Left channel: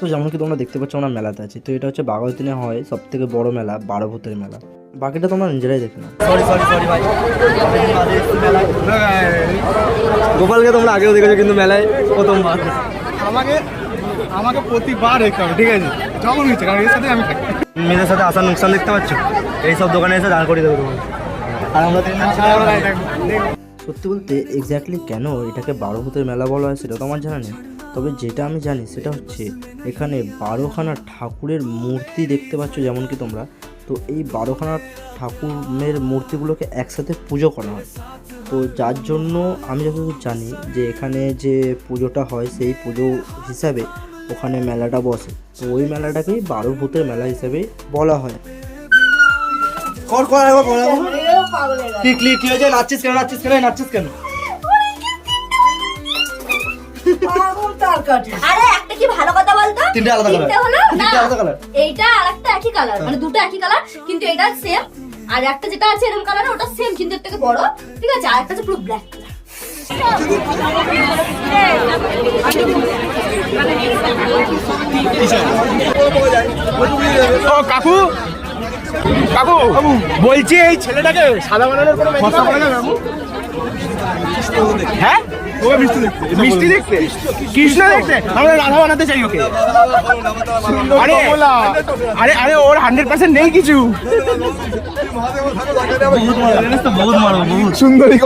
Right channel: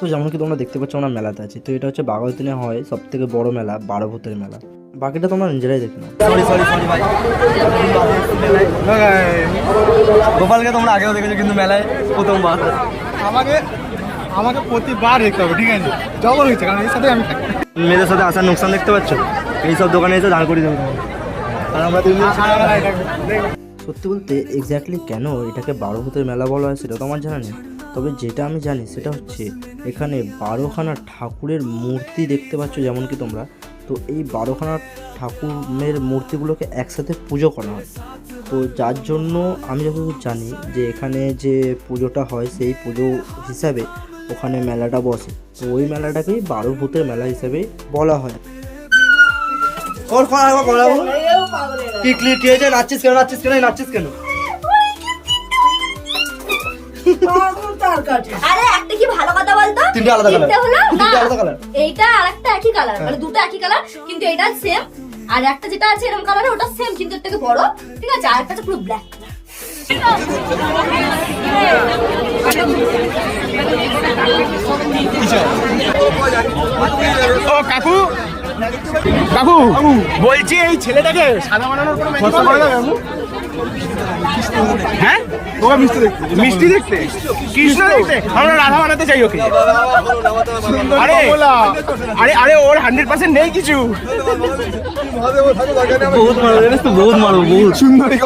তো যেমন কি তোমরা দেখতে পাচ্ছ আমরা মেলাতে আছি, তো এটা হচ্ছে বাঘাযতীনে হয় সব থেকে বড় মেলা, 12 ভূতের মেলা। বাকিটা তোমরা নিজেরাই দেখে নাও। সরি ভাই, গোপালকে তোমরা আগেও দেখেছো কিন্তু মেলায় প্রথমবার। আমাকে প্রতিবার দেখতে হবে, ঠিক আছে, যখন হয়েছে, কারণ এর সাথে আমি থাকি। মেয়েদের সাথে আসার নোকসান দেখতে পাচ্ছ, এইসব দোকানে এসে দাঁড় করিয়ে দেবে তোমার। আর আমরা সত্যি বলতে এক্স্যাক্টলি কেন এটাকে 12 ভূতের মেলা বলা হয় সেটা তো আমার জানা নেই, তবে যেটা আমি জানি সেটা হচ্ছে এখানে 12খানা ঠাকুরের মূর্তি দেখতে পাচ্ছ যেমন কি তোমরা। তো এই 12খানা ঠাকুরের মূর্তিগুলোকে একসাথে পুজো করা হয়। তো যার জন্য আমি যতদূর জানি যে এখানে যে পুজোটা হয় সেই পুজো হিসাবে ওখানে মেলাটা বসে। তো ওই মেলাটাকেই 12 ভূতের মেলা হিসেবে বলা হয়। কি হয়েছে? নাচছিস কেন? আরে একটা কি ভালো কথা বলতো, তিনটে আলাদা কালার, এইটা আর একটা একই কালার, মানে দুটো একই কালার কিন্তু এটা সেম, আর একটা যেটা আছে এরকম কালার ওটা সেম কিন্তু এর থেকে বড়, ঠিক আছে, আর একটা আছে পুরো ব্ল্যাক। কাকু বলছি এই ছেলেটাকে সাদা বানানোর কোনো হ্যাঁ, ওকে মিষ্টি দেখতে কৃষ্ণ দেখতে, আমরা রাধা বানাতে চাই ওকে। আরে ওর 100% নেই কিছু। বহুত মারো, বহুত সুন্দরী।